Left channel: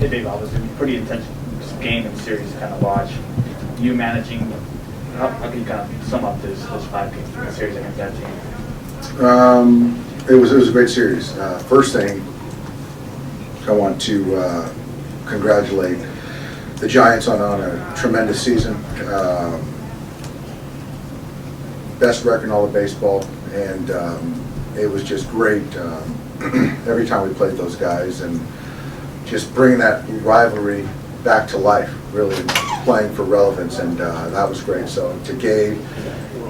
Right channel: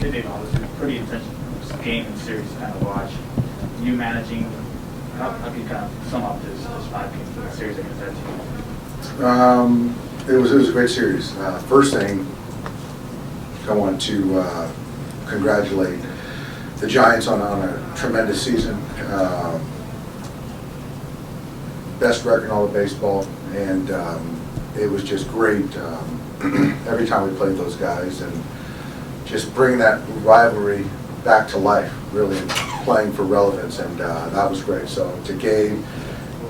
Hey Dave, obviously pretty intense game and series to kind of watch. You managing, how can you kind of sum up this 5-game series against that team? It was a great series. First thing, I want to congratulate the Giants on a tremendous season. Best record in all of baseball, and it was just great every time we played those guys, and just bringing that rivalry back to life, really playing for relevance, and that was great. So to Gabe,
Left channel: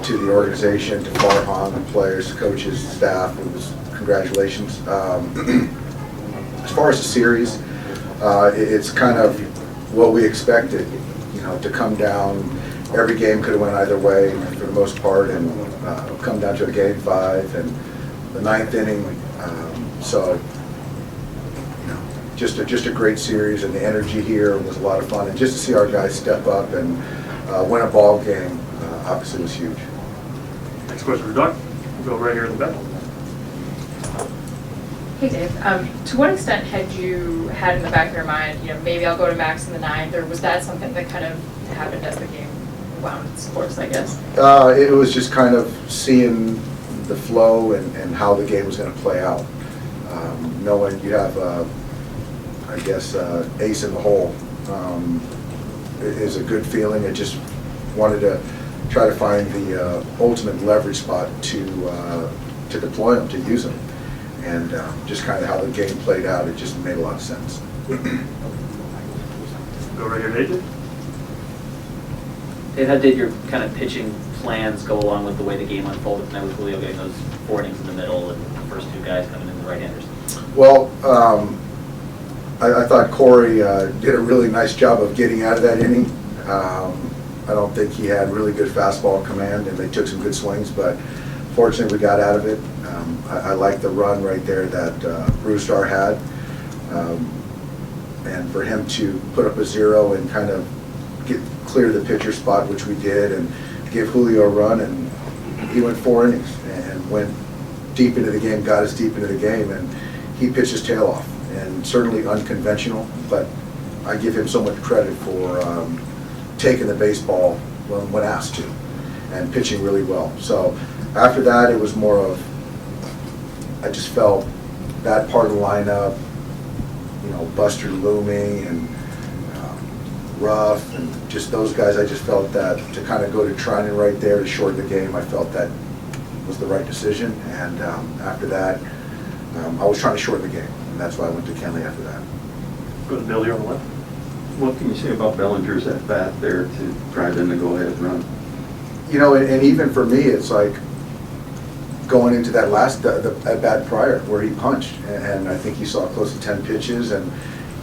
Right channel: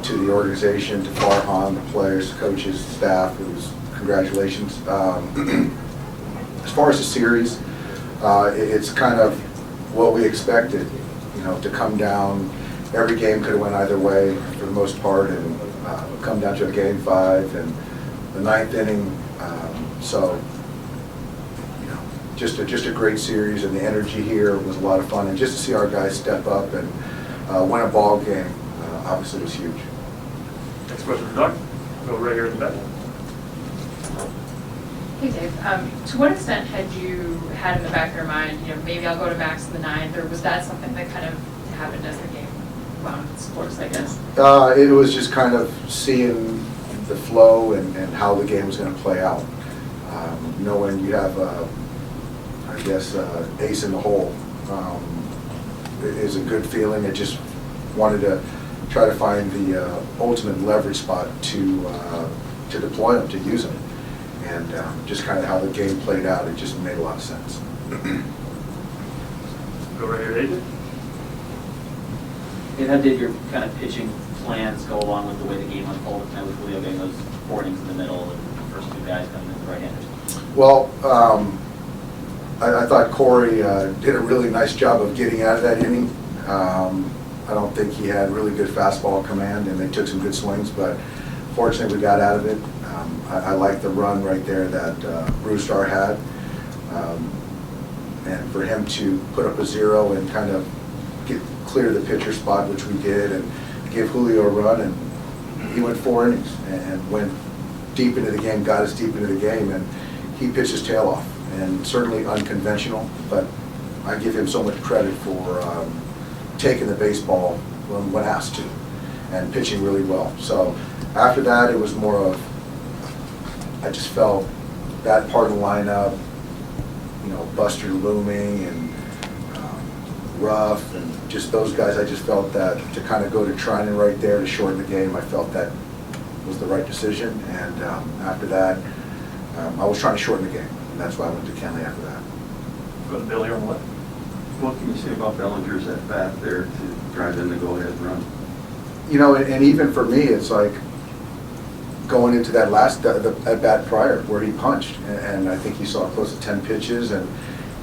to the organization, to Farhan, the players, coaches, staff, it was congratulations. As far as the series, it's kind of what we expected, you know, to come down. Every game could have went either way for the most part, and come down to a game 5 and the 9th inning. So, you know, just a great series, and the energy here was a lot of fun, and just to see our guys step up and win a ball game, obviously was huge. Next question for Doug. We'll go right here at the back. Hey Dave, to what extent had you had in the back of your mind, you know, maybe I'll go to Max in the 9th, or was that something that kind of happened as the game wound its course, I guess? It was just kind of seeing the flow and how the game was going to play out. Knowing you have, I guess, ace in the hole is a good feeling. I just wanted to try to find the ultimate leverage spot to deploy them, to use them. And just kind of how the game played out, it just made a lot of sense. Go right here, AJ. Dave, how did your kind of pitching plans go along with the way the game unfolded? Now with Julio getting those 4 innings in the middle and the first 2 guys coming in the right-handers. Well, I thought Corey did a really nice job of getting out of that inning. I don't think he had really good fastball command, and they took some good swings, but fortunately we got out of it. I like the run right there that Brewstar had, and for him to put up a 0 and kind of clear the pitcher spot, which we did, and give Julio a run, and he went 4 innings and went deep into the game, got us deep into the game, and he pitched his tail off, and certainly unconventional, but I give him so much credit for taking the baseball when asked to, and pitching really well. So after that, it was more of, I just felt that part of the lineup, you know, Buster looming and Ruff and just those guys, I just felt that to kind of go to Trinan right there to shorten the game, I felt that was the right decision. And after that, I was trying to shorten the game, and that's why I went to Kenley after that. Go to Bill here on the left. What can you say about Bellinger's at bat there to drive in the go-ahead run? You know, and even for me, it's like going into that last at bat prior where he punched, and I think he saw close to 10 pitches, and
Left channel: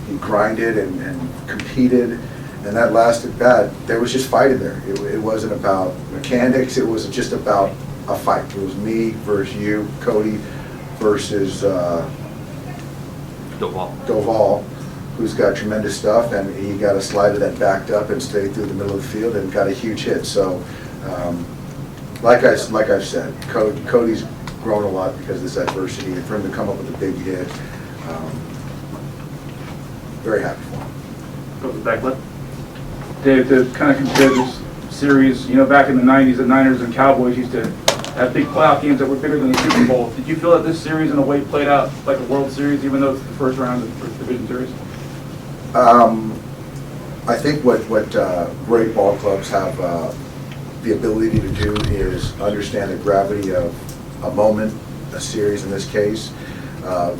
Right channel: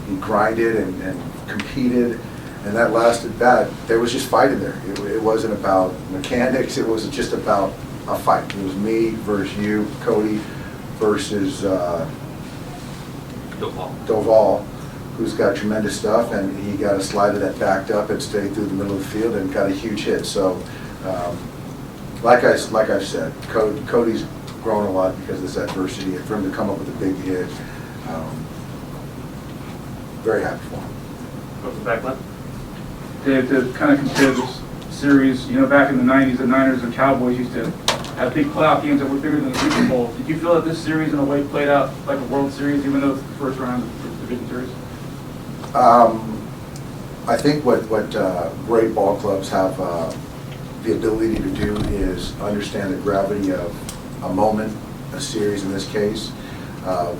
he grinded and competed. And that last at bat, there was just fight in there. It wasn't about mechanics. It was just about a fight. It was me versus you, Cody versus Doval, who's got tremendous stuff, and he got a slider that backed up and stayed through the middle of the field and got a huge hit. So, like I've said, Cody's grown a lot because of this adversity, and for him to come up with a big hit, very happy for him. Go to the back left. Dave, to kind of compare this series, you know, back in the 90s, the Niners and Cowboys used to have big playoff games that were bigger than the Super Bowl. Did you feel that this series in a way played out like a World Series, even though it's the first round of the Division Series? I think what great ball clubs have the ability to do is understand the gravity of a moment, a series in this case,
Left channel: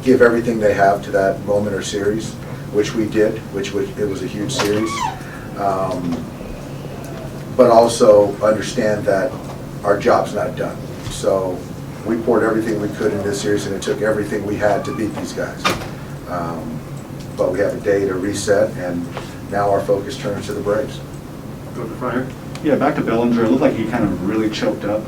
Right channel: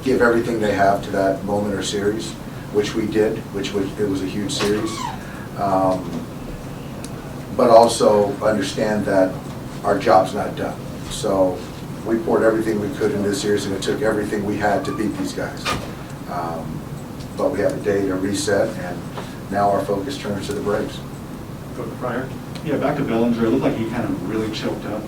give everything they have to that moment or series, which we did, it was a huge series. But also understand that our job's not done. So we poured everything we could into this series, and it took everything we had to beat these guys. But we have a day to reset, and now our focus turns to the Braves. Go to the front here. Yeah, back to Bellinger. It looked like he kind of really choked up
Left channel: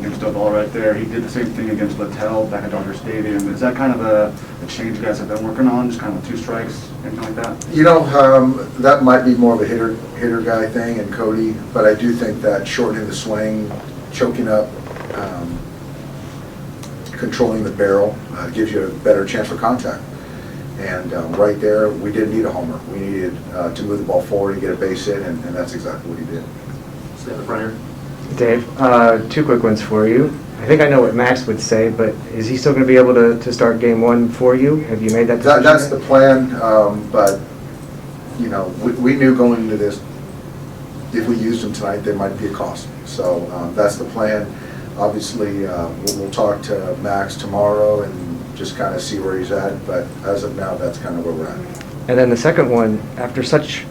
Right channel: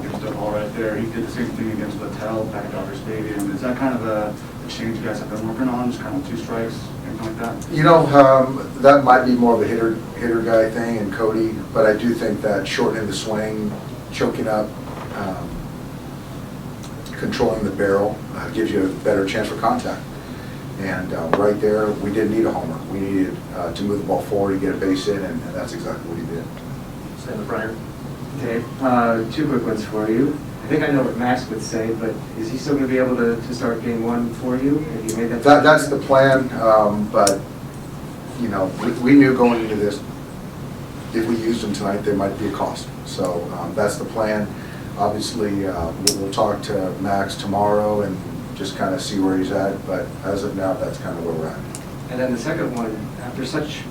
against Doval right there. He did the same thing against Littell back at Dodger Stadium. Is that kind of a change you guys have been working on, just kind of 2 strikes, anything like that? You know, that might be more of a hitter guy thing in Cody, but I do think that shortening the swing, choking up, controlling the barrel gives you a better chance for contact. And right there, we didn't need a homer. We needed to move the ball forward and get a base hit, and that's exactly what he did. Stay in the front here. Dave, two quick ones for you. I think I know what Max would say, but is he still going to be able to start game one for you? Have you made that decision? That's the plan, but, you know, we knew going into this, if we used him tonight, there might be a cost. So that's the plan. Obviously, we'll talk to Max tomorrow and just kind of see where he's at, but as of now, that's kind of where we're at. And then the second one, after such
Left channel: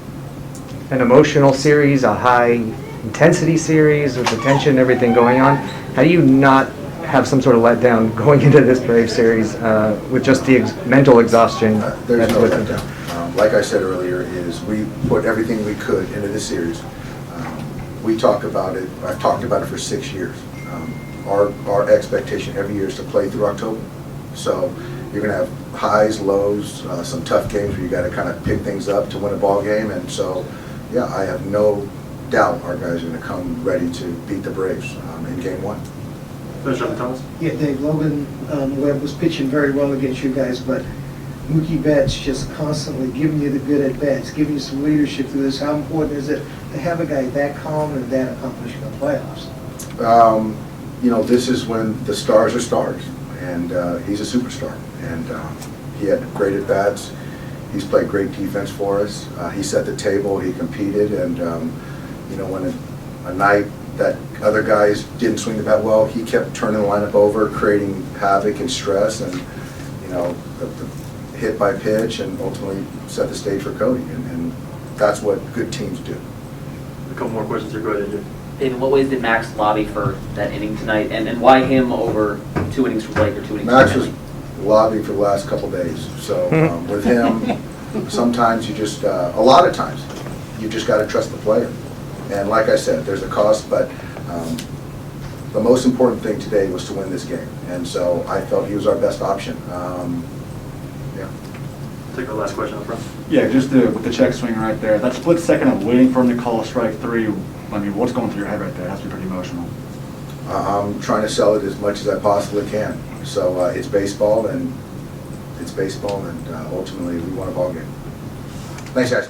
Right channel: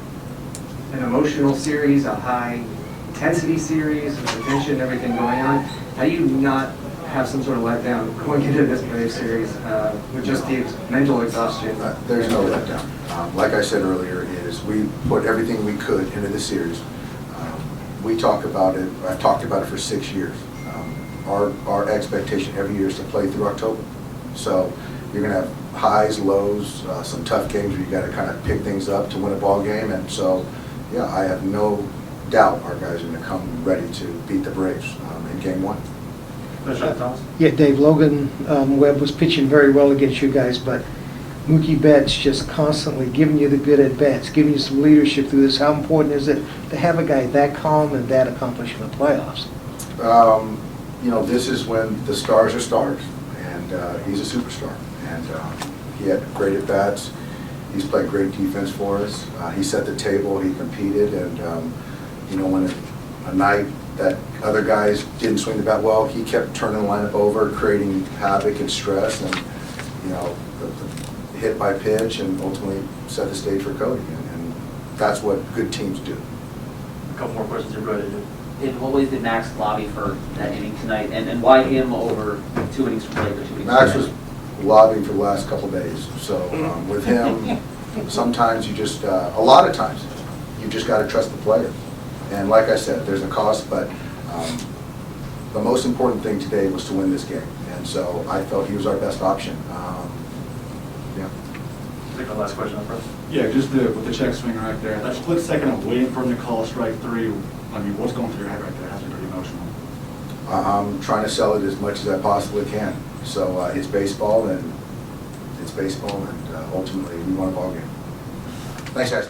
an emotional series, a high intensity series with the tension, everything going on, how do you not have some sort of letdown going into this Brave series with just the mental exhaustion? There's that's no with it? letdown. Like I said earlier, is we put everything we could into this series. We talk about it, I've talked about it for 6 years. Our expectation every year is to play through October. So you're going to have highs, lows, some tough games where you got to kind of pick things up to win a ball game. And so, yeah, I have no doubt our guys are going to come ready to beat the Braves in game one. Finish up, Thomas. Yeah, Dave, Logan Webb was pitching very well against you guys, but Mookie Betts just constantly giving you the good at-bats, giving you some leadership through this. How important is it to have a guy that calm and that accomplished in the playoffs? You know, this is when the stars are stars, and he's a superstar. And he had great at-bats. He's played great defense for us. He set the table, he competed, and, you know, when a night that other guys didn't swing the bat well, he kept turning the lineup over, creating havoc and stress, and, you know, the hit by pitch, and ultimately set the stage for Cody. And that's what good teams do. A couple more questions here. Go ahead, AJ. Dave, in what ways did Max lobby for that inning tonight, and why him over 2 innings from Blake or 2 innings Max from was lobbying for the last couple days. So with him, sometimes you just, a lot of times, you just got to trust the player. And like I said, there's a cost, but the most important thing today was to win this game. And so I felt he was our best option. Yeah. Take the last question up front. Yeah, just with the check swing right there, that split second of waiting for him to call a strike three, I mean, what's going through your head right there? It has to be pretty emotional. I'm trying to sell it as much as I possibly can. So it's baseball, and ultimately we won a ball game. Thanks, guys.